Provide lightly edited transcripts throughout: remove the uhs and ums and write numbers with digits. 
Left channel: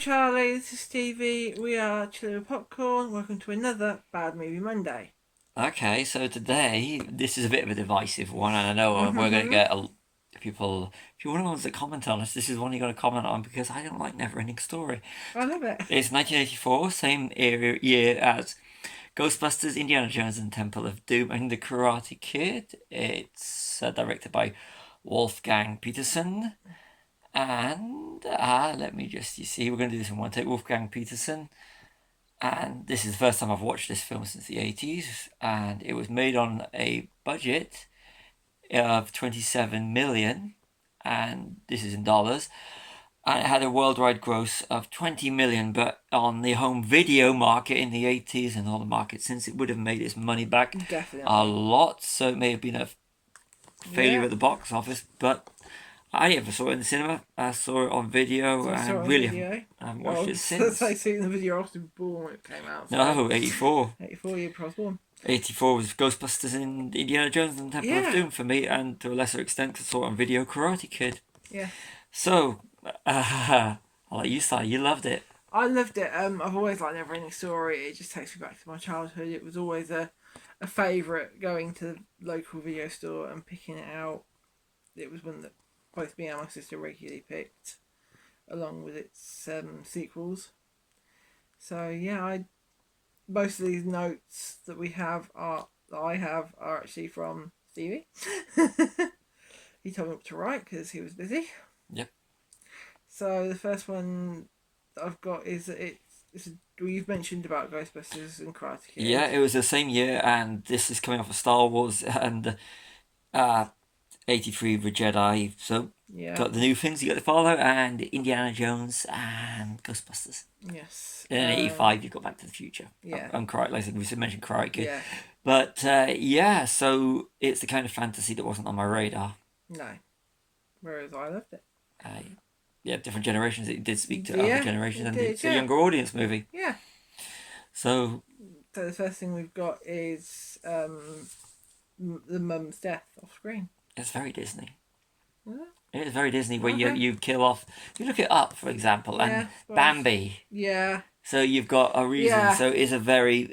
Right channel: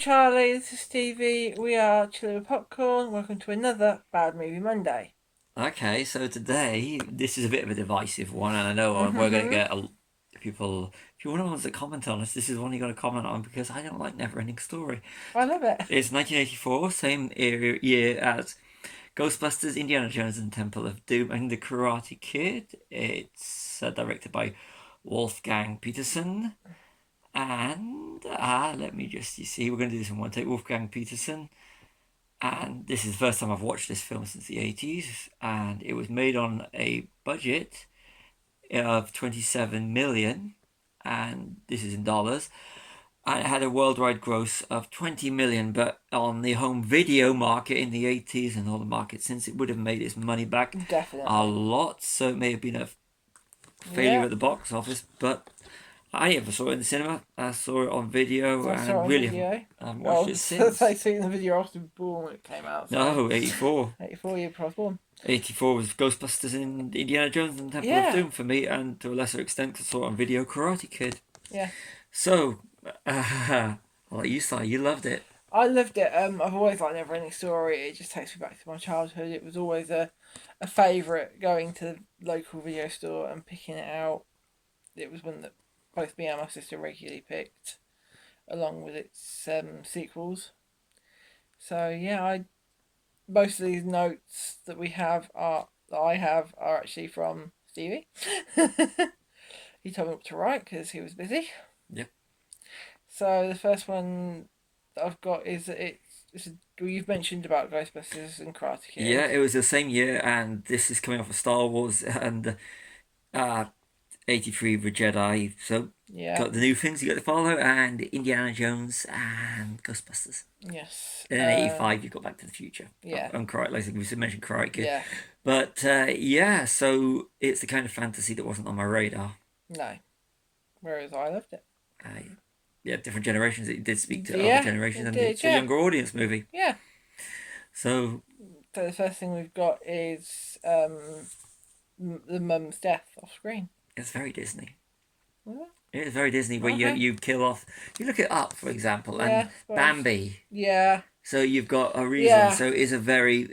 Charlie, this is Stevie. We are Chilling with Popcorn. Welcome to another Bad Movie Monday. Okay, so today this is a bit of a divisive one, and I know we're going to get people. If you're one of the ones that comment on us, this is one you're going to comment on because I don't like NeverEnding Story. I love it. It's 1984, same year as Ghostbusters, Indiana Jones and the Temple of Doom, and The Karate Kid. It's directed by Wolfgang Peterson, and let me just see. We're going to do this in one take. Wolfgang Peterson. And this is the first time I've watched this film since the 80s, and it was made on a budget of 27 million, and this is in dollars, and it had a worldwide gross of 20 million, but on the home video market in the 80s and all the markets since, it would have made its money back a lot, so it may have been a failure at the box office, but I never saw it in the cinema. I saw it on video, and really haven't watched it since. I see it in the video after born when it came out. So. No, 84. 84 year I was born. 84 was Ghostbusters and Indiana Jones and Temple of Doom for me, and to a lesser extent, I saw it on video, Karate Kid. Yeah. So, I'll let you start. You loved it. I loved it. I've always liked NeverEnding Story. It just takes me back to my childhood. It was always a favourite, going to the local video store and picking it out. It was one that both me and my sister regularly picked, along with its sequels. So yeah, most of these notes that I have are actually from Stevie. He told me what to write because he was busy. Yep. So the first one that I've got is you've mentioned about Ghostbusters and Karate Kid. Yeah, it was the same year, and this is coming off of Star Wars and 83 The Jedi, so got the new things you got to follow, and Indiana Jones and Ghostbusters. Yes. And then 85 you got Back to the Future. Yeah. And Karate, like we mentioned Karate Kid. Yeah. But so it's the kind of fantasy that wasn't on my radar. No. Whereas I loved it. Different generations. It did speak to other generations, and it's a younger audience movie. Yeah. So the first thing we've got is the mum's death off screen. It's very Disney. Is it? It is very Disney, where you kill off. You look it up, for example, and Bambi. Yeah. So you've got a reason. Yeah. So it's a very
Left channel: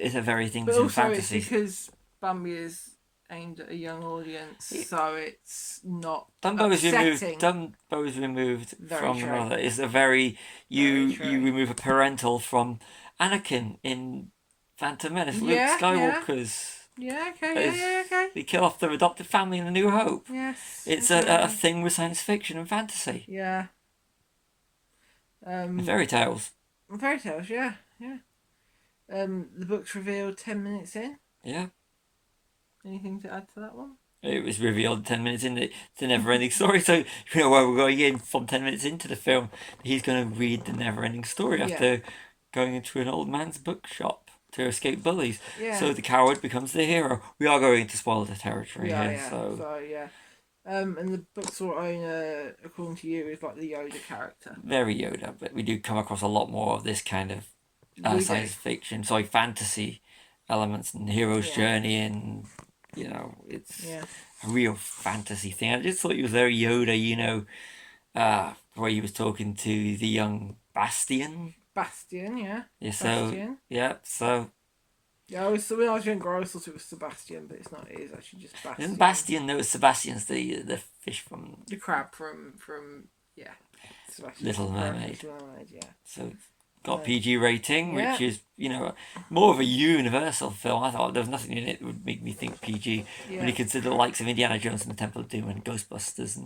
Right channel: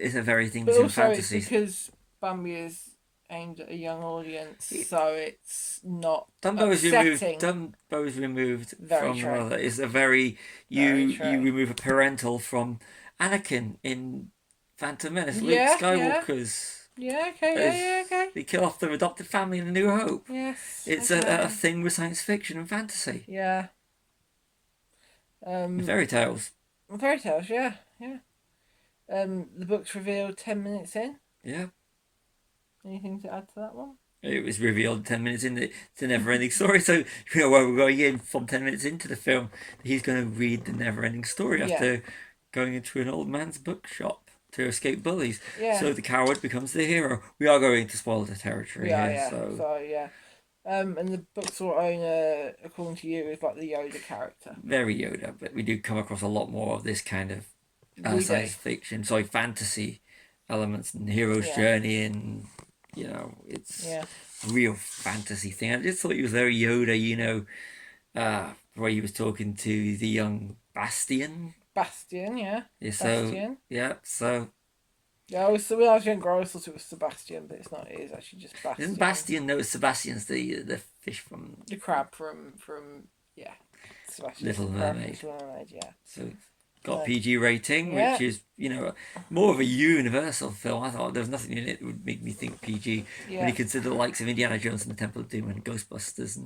thing that's in fantasy. It's because Bambi is aimed at a young audience, so it's not Dumbo is removed from the mother. It's a very you remove a parental from Anakin in Phantom Menace. Luke Skywalker's. Yeah, okay, okay. They kill off their adopted family in A New Hope. Yes. It's a thing with science fiction and fantasy. Yeah. Fairy tales. Fairy tales, yeah. The book's revealed 10 minutes in. Yeah. Anything to add to that one? It was revealed 10 minutes in the NeverEnding Story, so you know where we're going in from 10 minutes into the film. He's going to read the NeverEnding Story after going into an old man's bookshop to escape bullies. Yeah. So the coward becomes the hero. We are going to spoil the territory here. Yeah. So and the book's owner, according to you, is like the Yoda character. Very Yoda, but we do come across a lot more of this kind of science fiction, fantasy elements and hero's journey, and it's a real fantasy thing. I just thought he was very Yoda, where he was talking to the young Bastian. Bastian, yeah. Yeah, Bastian. Yeah, when I was younger, I always thought it was Sebastian, but it's not. It is actually just Bastian. Isn't Bastian? No, Sebastian's the fish from... The crab from Sebastian. Little Mermaid. Little Mermaid, yeah. So, got PG rating, which is, more of a universal film. I thought there was nothing in it that would make me think PG. When you consider the likes of Indiana Jones and the Temple of Doom and Ghostbusters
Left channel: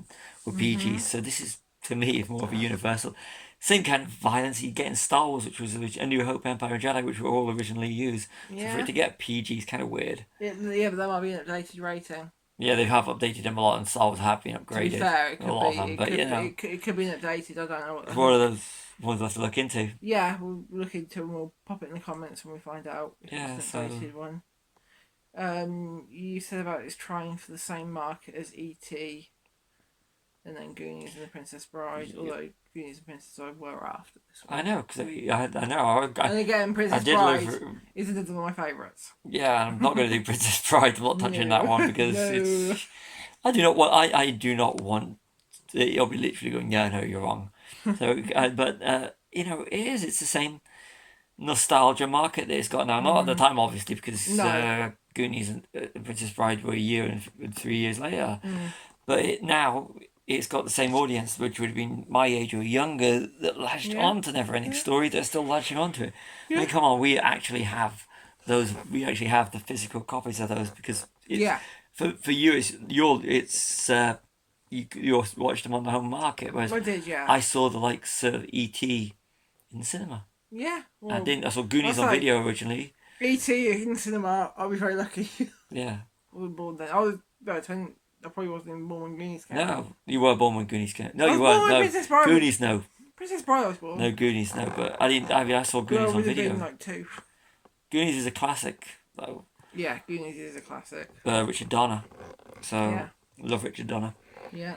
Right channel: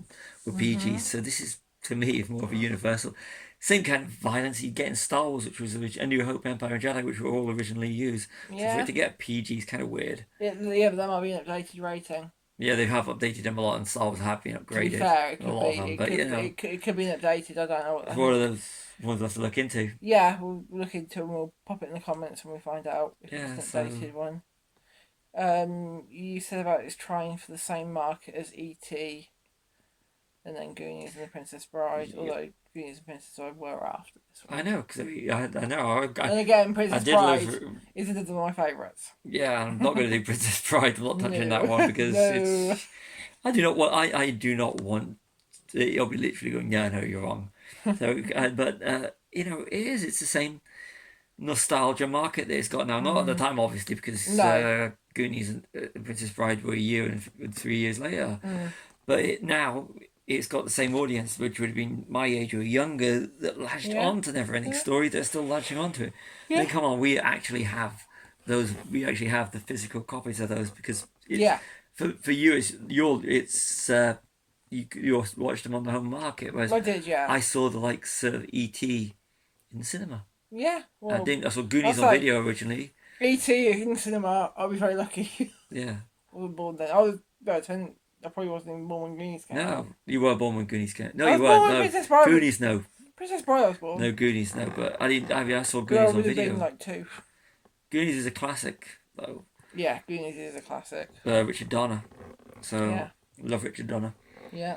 were PG. So this is, to me, is more of a universal... Same kind of violence you get in Star Wars, which was A New Hope, Empire, and Jedi, which were all originally used. So for it to get PG is kind of weird. Yeah, but that might be an updated rating. Yeah, they have updated them a lot, and Star Wars have been upgraded. To be fair, it could a lot of them, but it could be updated. I don't know. It's one of those ones we'll have to look into. Yeah, we'll look into it and we'll pop it in the comments when we find out if it's an updated one. You said about it's trying for the same market as E.T. and then Goonies and The Princess Bride, although Goonies and Princess Bride were after this one. I know, because I know. And again, Princess Bride is another of my favourites. Yeah, I'm not going to do Princess Bride. I'm not touching that one because it's... I do not want... I'll be literally going, yeah, no, you're wrong. So, but it is. It's the same nostalgia market that it's got now. Not at the time, obviously, because No. Goonies and Princess Bride were a year and 3 years later. But now it's got the same audience, which would have been my age or younger, that latched Yeah. on to NeverEnding Story. They're still latching onto it. I Yeah. mean, come on, we actually have those. We actually have the physical copies of those because Yeah. for you, you watched them on the home market, whereas I did, yeah. I saw the likes of E.T. in the cinema. Yeah. I Well, didn't. I saw Goonies I'll on say, video originally. E.T. in cinema, I'll be very lucky. Yeah. I was born then. I was about 10. I probably wasn't even born when Goonies came out. No, you were born when Goonies came. No, I you was weren't. born when No, Princess Bride. Goonies. No, Princess Bride I was born. no Goonies. No, but I didn't. I saw Yeah, I Goonies on would have video. been like 2. Goonies is a classic, though. Yeah, Goonies is a classic. Richard Donner. So Yeah. love Richard Donner. Yeah.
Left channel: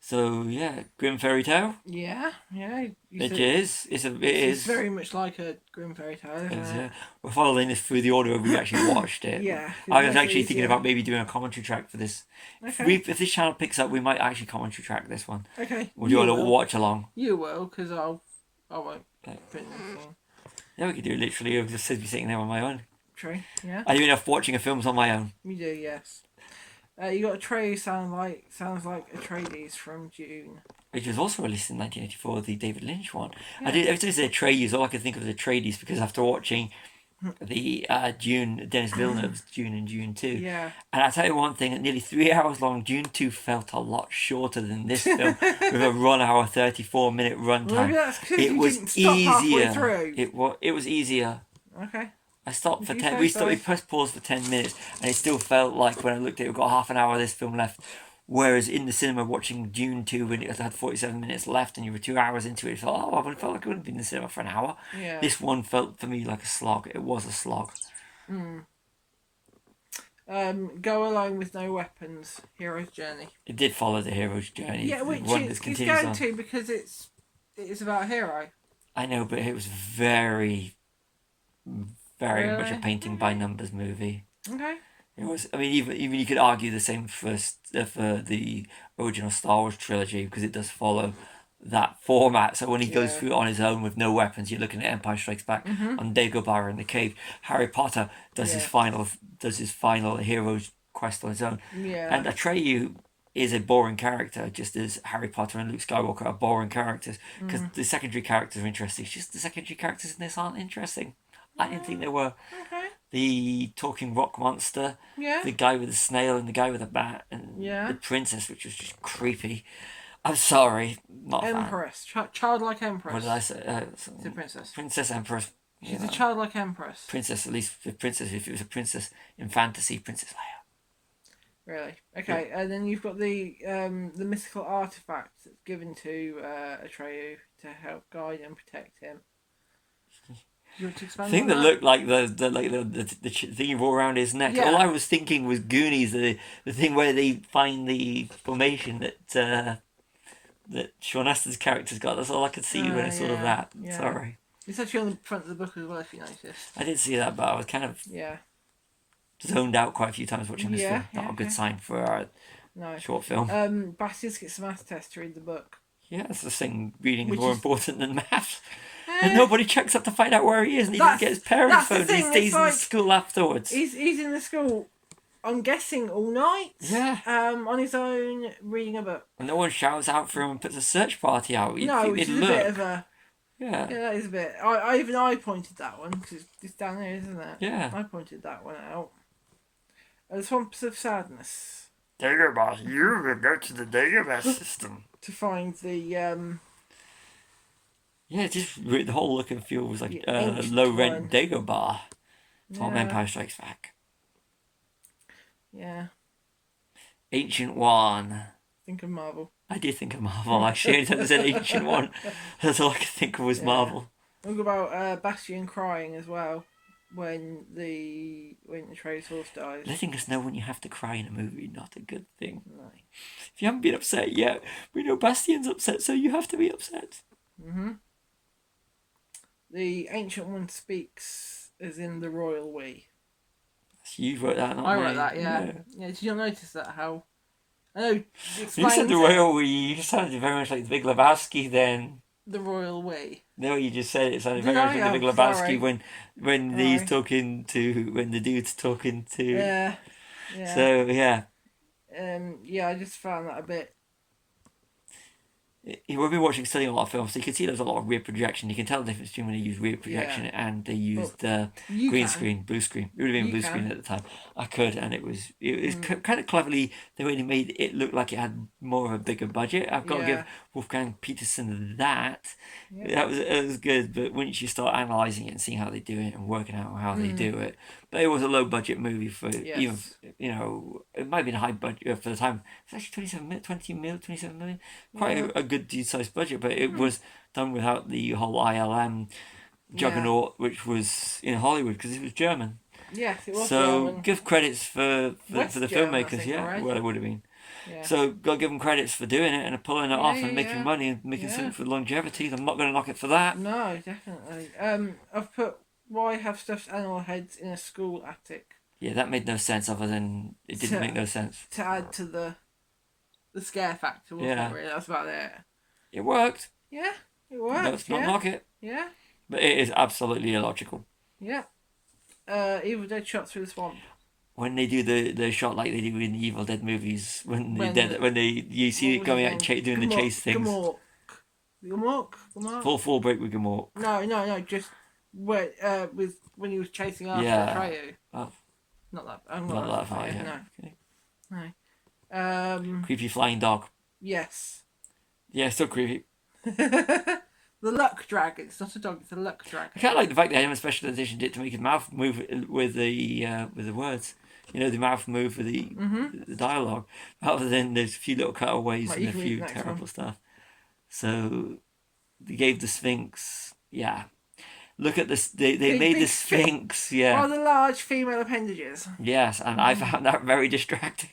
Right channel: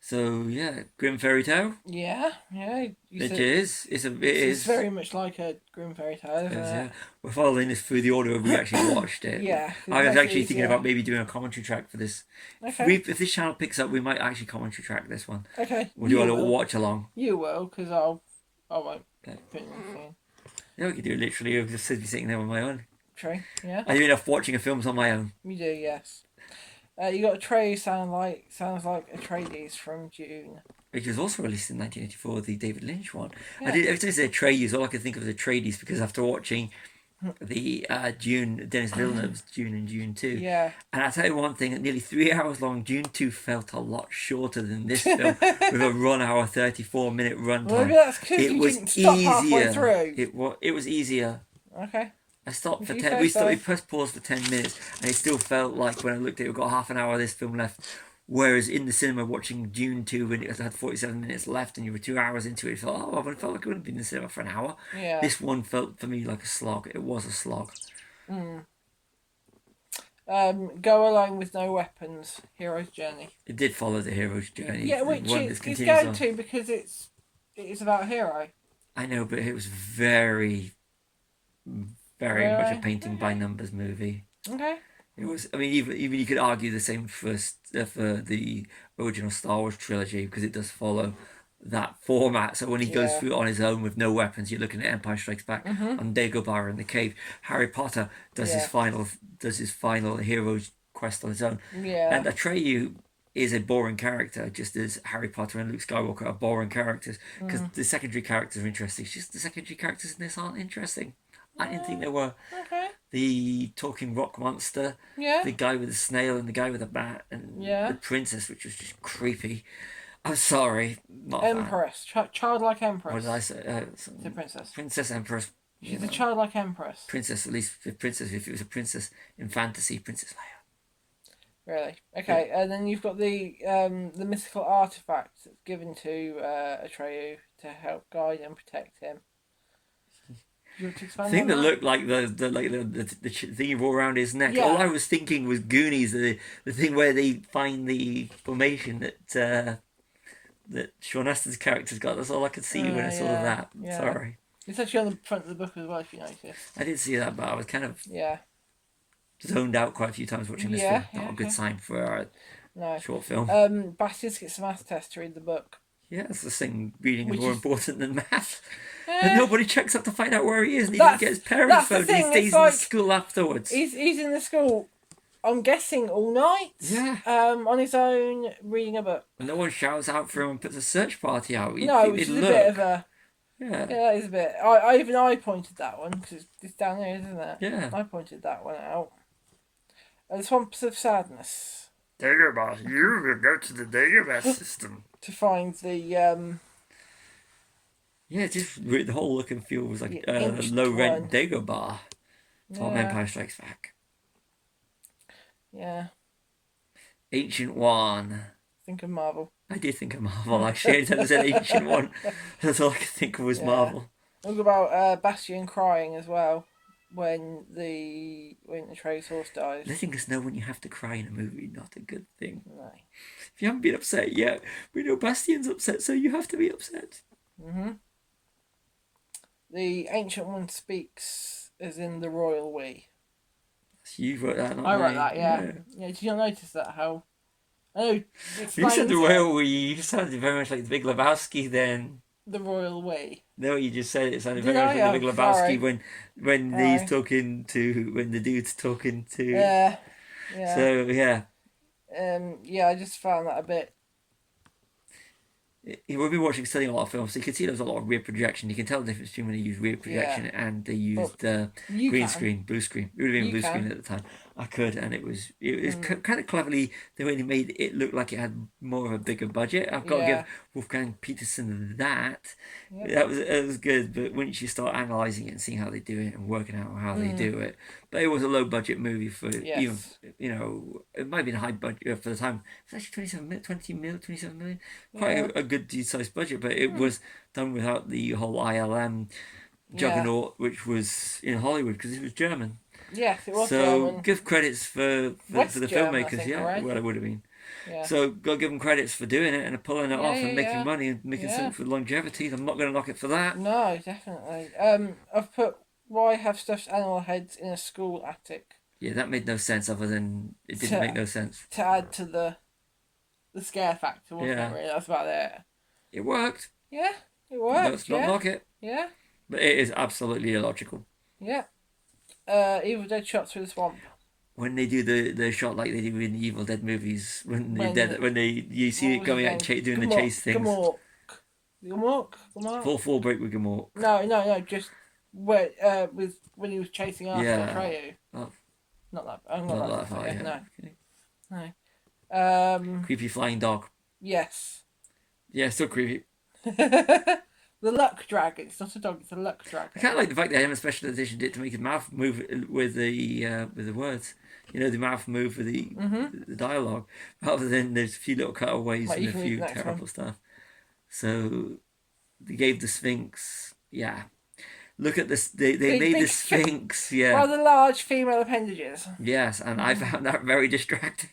So yeah, Grim Fairy Tale. Yeah. Yeah. It is. It is. It's very much like a Grim Fairy Tale, isn't it? Yeah. We're following this through the order we actually watched it. Yeah. I was That's actually thinking easier. about maybe doing a commentary track for this. Okay. If this channel picks up, we might actually commentary track this one. Okay. We'll do a little watch along. You will, because I won't Okay. put anything. Yeah, we could do it literally. I'll just be sitting there on my own. True. Yeah. I do enough watching a films on my own. You do, yes. You got a tray sounds like Atreides from Dune. Which was also released in 1984, the David Lynch one. Yeah. Every time I say Atreides, all I could think of was Atreides because after watching the Dune, Denis Villeneuve's Dune and Dune 2. Yeah. And I'll tell you one thing, at nearly 3 hours long, Dune 2 felt a lot shorter than this film with a 1 hour 34-minute runtime. Well, maybe that's because It you was didn't stop halfway easier. through. It was easier. Okay. I stopped for You 10. say We so. pressed pause for 10 minutes, and it still felt like when I looked at it, we've got half an hour of this film left. Whereas in the cinema watching Dune 2, when it had 47 minutes left and you were 2 hours into it, it felt, I felt like I wouldn't be in the cinema for an hour. Yeah. This one felt for me like a slog. It was a slog. Go alone with no weapons. Hero's journey. It did follow the hero's journey. Yeah, which one it's that going on. to because it is about a hero. I know, but it was very, very Really? much a painting by numbers movie. Okay. It was. I mean, even you could argue the same for the original Star Wars trilogy because it does follow that format. So when he goes Yeah. through it on his own with no weapons, you're looking at Empire Strikes Back on Dagobah in the cave. Harry Potter does his final hero's quest on his own. Yeah. And Atreyu is a boring character, just as Harry Potter and Luke Skywalker are boring characters because the secondary characters are interesting. It's just the secondary characters in this aren't interesting. I didn't think they were. Okay. The talking rock monster, Yeah. the guy with the snail and the guy with the bat, and Yeah. the princess, which was just creepy. I'm sorry, not a fan. Empress. Childlike Empress. What did I say? It's a princess. Princess Empress. She's a childlike Empress. Princess, at least the princess. If it was a princess in fantasy, Princess Leia. Really? Okay, and then you've got the mythical artifact that's given to Atreyu to help guide and protect him. You want to expand Thing on that that? looked like the thing he wore around his neck. Yeah. All I was thinking was Goonies, the thing where they find the formation that Sean Astin's character's got. That's all I could see when I saw yeah, that. yeah. Sorry, It's actually on the front of the book as well, if you notice. I did see that, but I was kind of Yeah. zoned out quite a few times watching this Yeah, film. Not yeah, a good yeah. sign for a No. short film. Bastian gets a math test to read the book. Yeah, that's the thing. Reading is Which more is- important than math. Eh, And nobody checks up to find out where he is, and he That's- doesn't get his parents' that's the phone. He thing, stays it's in like- school afterwards. He's in the school, I'm guessing, all night. Yeah. On his own, reading a book. And no one shouts out for him and puts a search party out. You'd No, think which they'd is a bit look. of a... Yeah. Yeah, that is a bit... I pointed that one, because it's down there, isn't it? Yeah. I pointed that one out. The Swamps of Sadness. Dagobah. You will go to the Dagobah system. To find the... Yeah, the whole look and feel was like The ancient low rent one. Dagobah from Yeah. Empire Strikes Back. Yeah, Ancient One. think of Marvel. I did think of Marvel actually. Anytime I said Ancient One, that's all I could think of was Yeah. Marvel. Think about Bastian crying as well when the Atreus horse dies. Letting us know when you have to cry in a movie, not a good thing. No. If you haven't been upset yet, we know Bastian's upset, so you have to be upset. The Ancient One speaks as in the royal we. You wrote that, not I me. wrote that, yeah. Did you not notice that? How? I know. You said the royal we. You sounded very much like the Big Lebowski then. The royal we. No, you just said it sounded Did very much I? like the Big Oh, sorry. Lebowski when he's Right. talking to when the dude's talking to. Yeah. Yeah. So yeah, Yeah, I just found that a bit. we've been watching studying a lot of films, so you can see there's a lot of rear projection. You can tell the difference between when they use rear Yeah. projection and they Well, used you green can. screen, blue screen. It would have been You blue screen can. at the time. I could, and it was Mm, kind of cleverly the way they made it look like it had more of a bigger budget. I've got to give yeah. Wolfgang Peterson that. Yep. It was good, but once you start analysing it and seeing how they do it and working out how they Mm, do it, but it was a low budget movie for even yes. it might have been a high budget for the time. It was actually 27 million, quite Yeah. a good sized budget, but it Mm, was done without the whole ILM yeah. juggernaut, which was in Hollywood because it was German. Yes, it was So German. give credits for West the German, I filmmakers, think, yeah. right? Well, it would have been. Yeah. So got to give them credits for doing it and pulling it Yeah, off and making yeah, money and making yeah. something for longevity. I'm not going to knock it for that. No, definitely. I've put why have stuffed animal heads in a school attic Yeah, that made no sense. Other than it didn't make no sense. to add to the scare factor, wasn't Yeah, it? Really, that's about it. it worked. Yeah, it worked. Let's not knock it. Yeah, But it is absolutely illogical. yeah. Evil Dead shot through the swamp. When they do the shot like they do in the Evil Dead movies, when you see it What was going his out and name? doing the chase things. Gamork. Full break with Gamork. No. Just where with when he was chasing after Atreyu. Oh, Not that. I'm not not that far. Yeah. No. Okay. No. Creepy flying dog. Yes. Yeah, still creepy. The luck dragon. It's not a dog. It's a luck dragon. I kind of like the fact they haven't special editioned it to make his mouth move with the words. You know, the mouth move with the dialogue, rather than there's a few little cutaways Right, and you a can read few the next terrible one. stuff. So they gave the Sphinx. Yeah, look at this. They made the Sphinx. Yeah. Rather large female appendages. Yes, and I found that very distracting.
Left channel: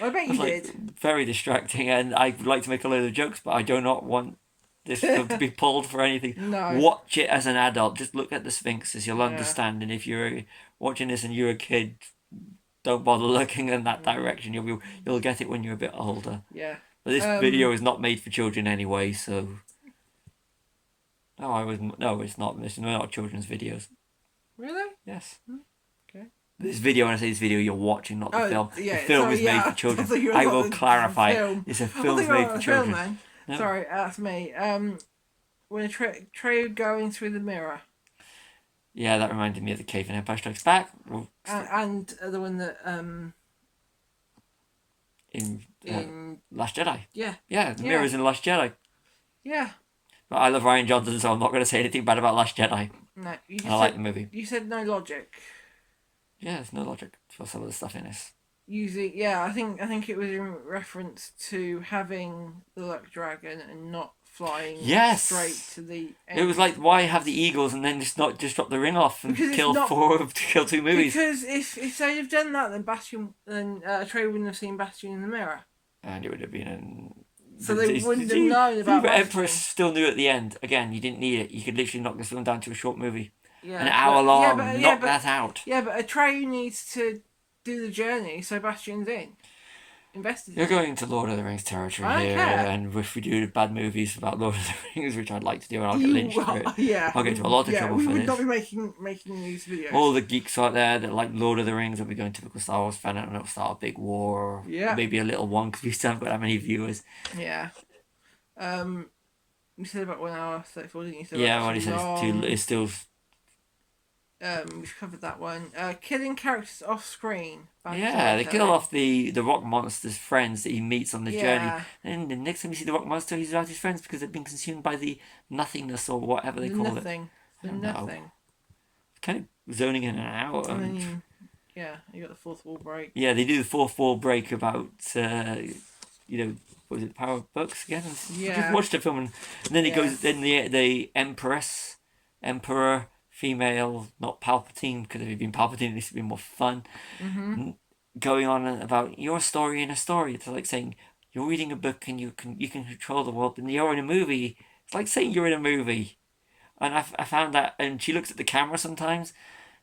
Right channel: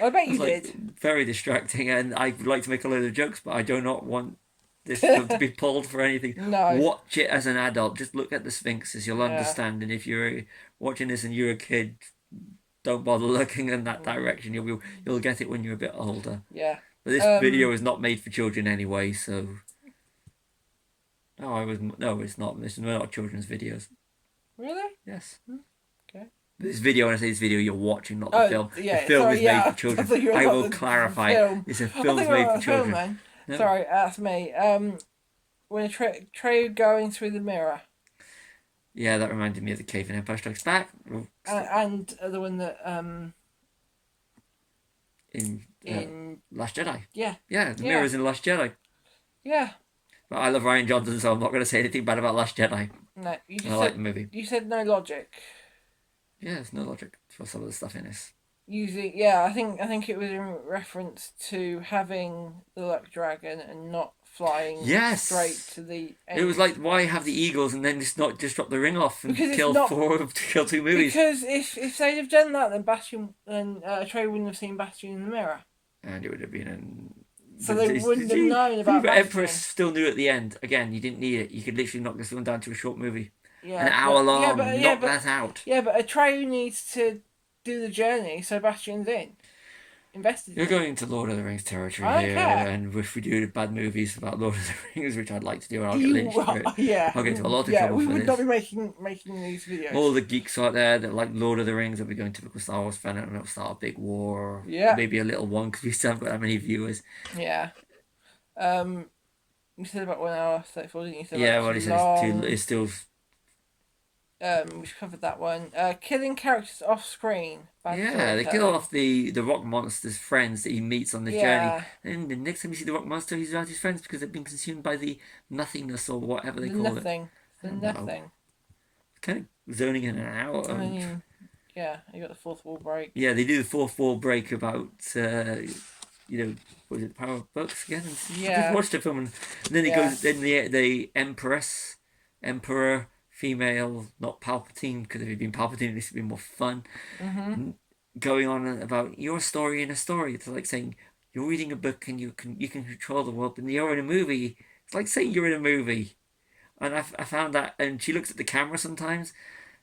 I bet you Like, did. very distracting, and I would like to make a load of jokes, but I do not want this film to be pulled for anything. No. Watch it as an adult. Just look at the Sphinxes. You'll Yeah. understand. And if you're watching this and you're a kid, don't bother looking in that direction. You'll get it when you're a bit older. Yeah. But this video is not made for children anyway, so. No, it's not. It's not children's videos. Really? Yes. Okay. This video, when I say this video, you're watching, not the film. Yeah. The film Sorry, is made for children. I will clarify. It's a film made for children. Then. No. Sorry, that's me. When Treyu going through the mirror. Yeah, that reminded me of the Cave in Empire Strikes Back. And the one that in Last Jedi. Yeah. Yeah, the mirror's in Last Jedi. Yeah. But I love Ryan Johnson, so I'm not going to say anything bad about Last Jedi. No, I like the movie. You said no logic. Yeah, there's no logic for some of the stuff in this. I think it was in reference to having the luck dragon and not flying straight to the end. It was like, why have the eagles and then just drop the ring off and kill two movies? Because if they'd have done that, then Trey wouldn't have seen Bastion in the mirror. And it would have been so they wouldn't have known about But Bastion. Empress still knew at the end. Again, you didn't need it. You could literally knock this film down to a short movie. Yeah, an hour long. Knock that out. Yeah, but Atreyu needs to do the journey, so Bastion's invested. You're going into Lord of the Rings territory here, and if we do bad movies about Lord of the Rings, which I'd like to do, and I'll get lynched for it. Yeah, I'll get into a lot of trouble for this. We would not be making these videos. All the geeks out there that like Lord of the Rings will be going typical Star Wars fan, and it'll start a big war, maybe a little one because we still haven't got that many viewers. Yeah. You said about 1 hour 34, didn't you? Yeah, what he said it's still. We've covered that one. Killing characters off screen. They kill off the rock monster's friends that he meets on the journey. And the next time you see the rock monster, he's without his friends because they've been consumed by the nothingness or whatever they call it. Nothing. Kind of zoning in and out. You got the fourth wall break. Yeah, they do the fourth wall break about, what was it, the Power of Books again? I just watched the film and then it goes, then the Emperor, female, not Palpatine, because if he'd been Palpatine, this would be more fun. Mm-hmm. Going on about your story in a story. It's like saying you're reading a book and you can control the world, but you're in a movie. It's like saying you're in a movie. And I found that, and she looks at the camera sometimes,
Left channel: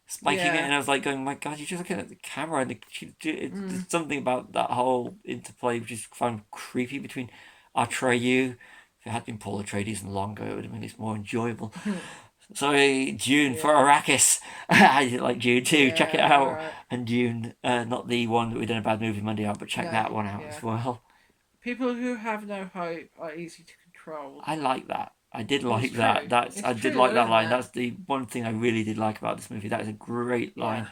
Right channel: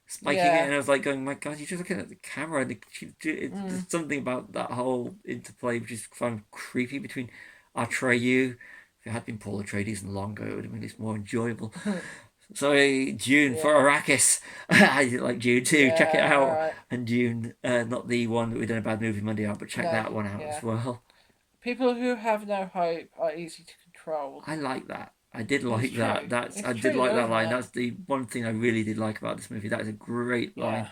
spiking it, and I was like going, my God, you're just looking at the camera. And there's something about that whole interplay which is found creepy between Atreyu, If it had been Paul Atreides and longer, it would have been more enjoyable. Sorry, Dune for Arrakis. I like Dune too. Check it out. Right. And Dune, not the one that we done a bad movie Monday out, but check that one out as well. People who have no hope are easy to control. I like that. I did like that. I did true, like that isn't line. it? That's the one thing I really did like about this movie. That is a great line,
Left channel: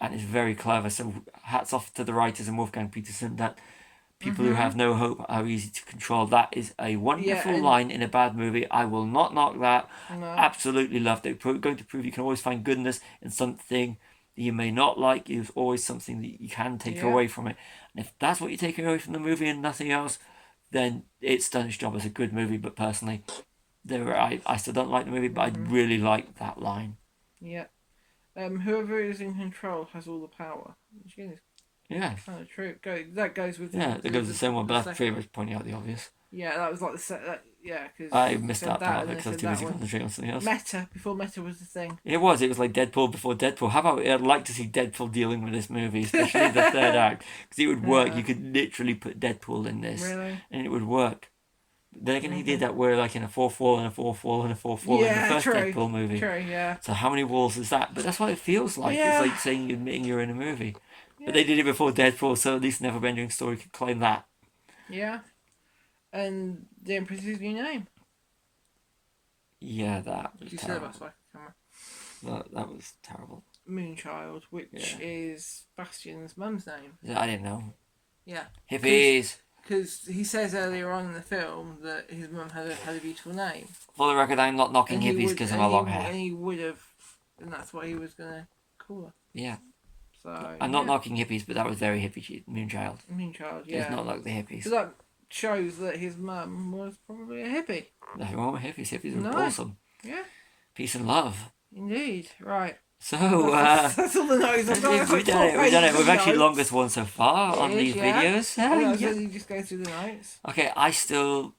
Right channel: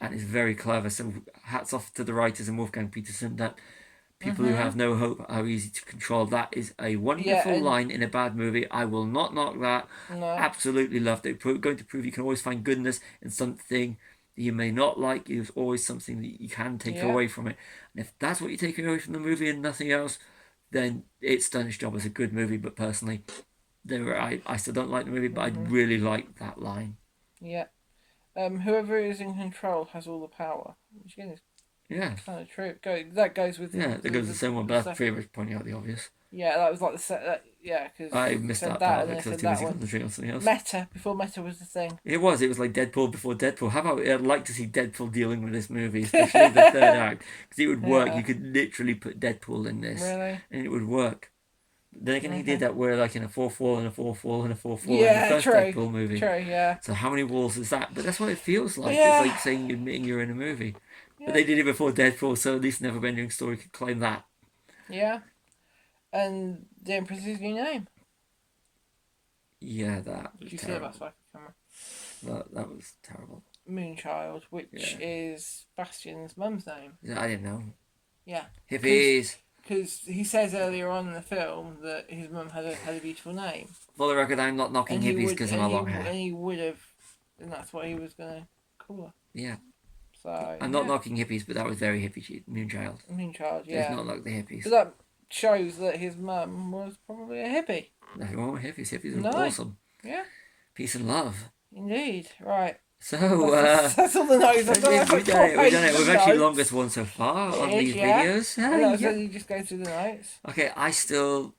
and it's very clever. So hats off to the writers and Wolfgang Peterson. That people who have no hope are easy to control. That is a wonderful line in a bad movie. I will not knock that. No. Absolutely loved it. Going to prove you can always find goodness in something that you may not like. There's always something that you can take away from it. And if that's what you're taking away from the movie and nothing else, then it's done its job as a good movie. But personally, I still don't like the movie, but I really like that line. Yeah. Whoever is in control has all the power. Which again is kind of true. That goes with that goes with the same one, but that's pretty much pointing out the obvious. Yeah, that was like the set. Because I missed that part of it because I was too busy concentrating on something else. Before Meta was the thing. It was like Deadpool before Deadpool. How about I'd like to see Deadpool dealing with this movie, especially the third act, because it would work. You could literally put Deadpool in this, and it would work. Then again, he did that where like in a fourth wall and a fourth wall and a fourth wall in the first Deadpool movie. True, yeah. So how many walls is that? But that's what it feels like. It's like saying you're admitting you're in a movie. But they did it before Deadpool, so at least NeverEnding Story could claim that. Yeah. And the Empress's new name. Yeah, that was you terrible. See camera? That was terrible. Moonchild, which is Bastian's mum's name. Yeah, I didn't know. Yeah. Hippies. Because he says earlier on in the film that his mum had a beautiful name. For the record, I'm not knocking hippies because of my long hair. And he would have, and that's what he was going to call her. Yeah. So I'm not knocking hippies, but that was very hippie. Moonchild. Moonchild, yeah. It's not like the hippies. So that shows that his mum was probably a hippie. Nothing wrong with hippies. Hippies are awesome. Yeah. Peace and love. Indeed. Right. So, that's all the notes we've done it. We've actually longest one so far on these videos. So you just go through the notes. Okay, I still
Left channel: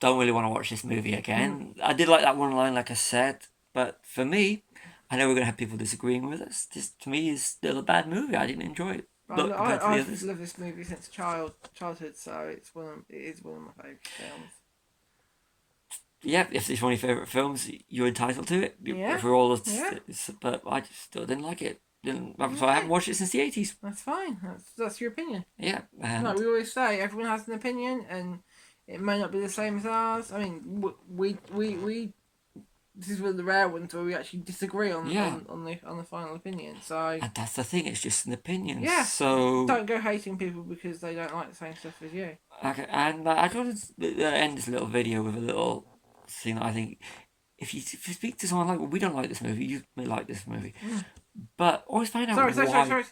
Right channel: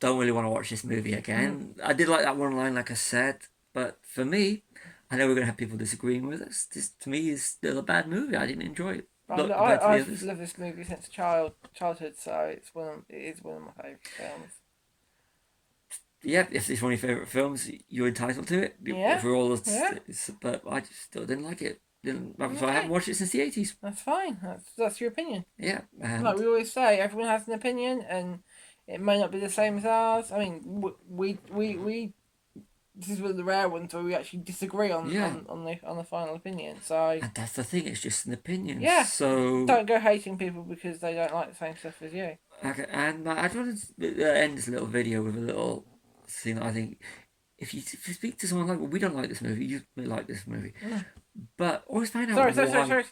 don't really want to watch this movie again. I did like that one line, like I said, but for me, I know we're going to have people disagreeing with us. This, to me, is still a bad movie. I didn't enjoy it. I've loved this movie since childhood, so it is one of my favourite films. Yeah, if it's one of your favourite films, you're entitled to it. Yeah. For all but I just still didn't like it. So I haven't watched it since the 80s. That's fine. That's your opinion. Yeah. Like we always say, everyone has an opinion, and it may not be the same as ours. I mean, we this is one of the rare ones where we actually disagree on the final opinion. So and that's the thing; it's just an opinion. Yeah. So don't go hating people because they don't like the same stuff as you. Okay, and I just wanted to end this little video with a little thing that I think if you speak to someone like, well, we don't like this movie, you may like this movie, but always find out why. Sorry.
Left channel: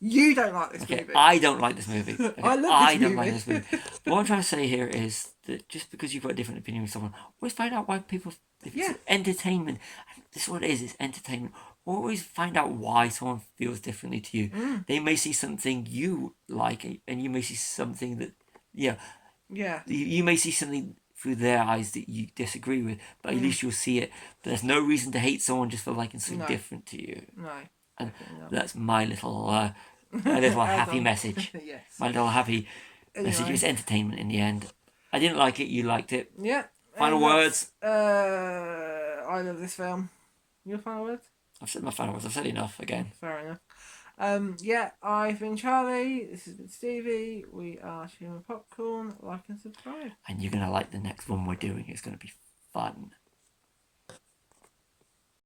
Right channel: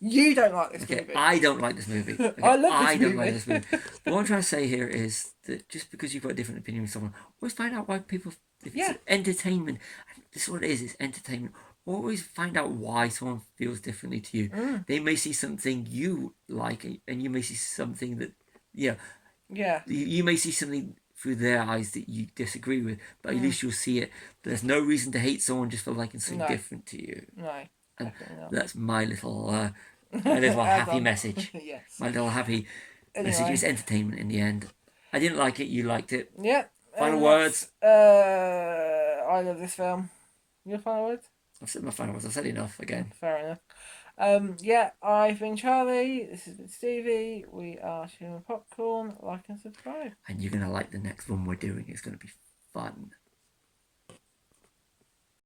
You don't like this movie. I don't like this movie. Okay? I don't like this movie. But what I'm trying to say here is that just because you've got a different opinion with someone, always find out why people. If it's entertainment, and this is what it is. It's entertainment. Always find out why someone feels differently to you. They may see something you like, and you may see something that, you may see something through their eyes that you disagree with, but at least you'll see it. But there's no reason to hate someone just for liking something different to you. No. And that's my little happy message. Yes. My little happy message. It's entertainment in the end. I didn't like it. You liked it. Yeah. Final words. I love this film. Your final words? I've said my final words. I've said enough again. Fair enough. I've been Charlie. This has been Stevie. We are Chewing Popcorn. Like and subscribe. And you're going to like the next one we're doing. It's going to be fun.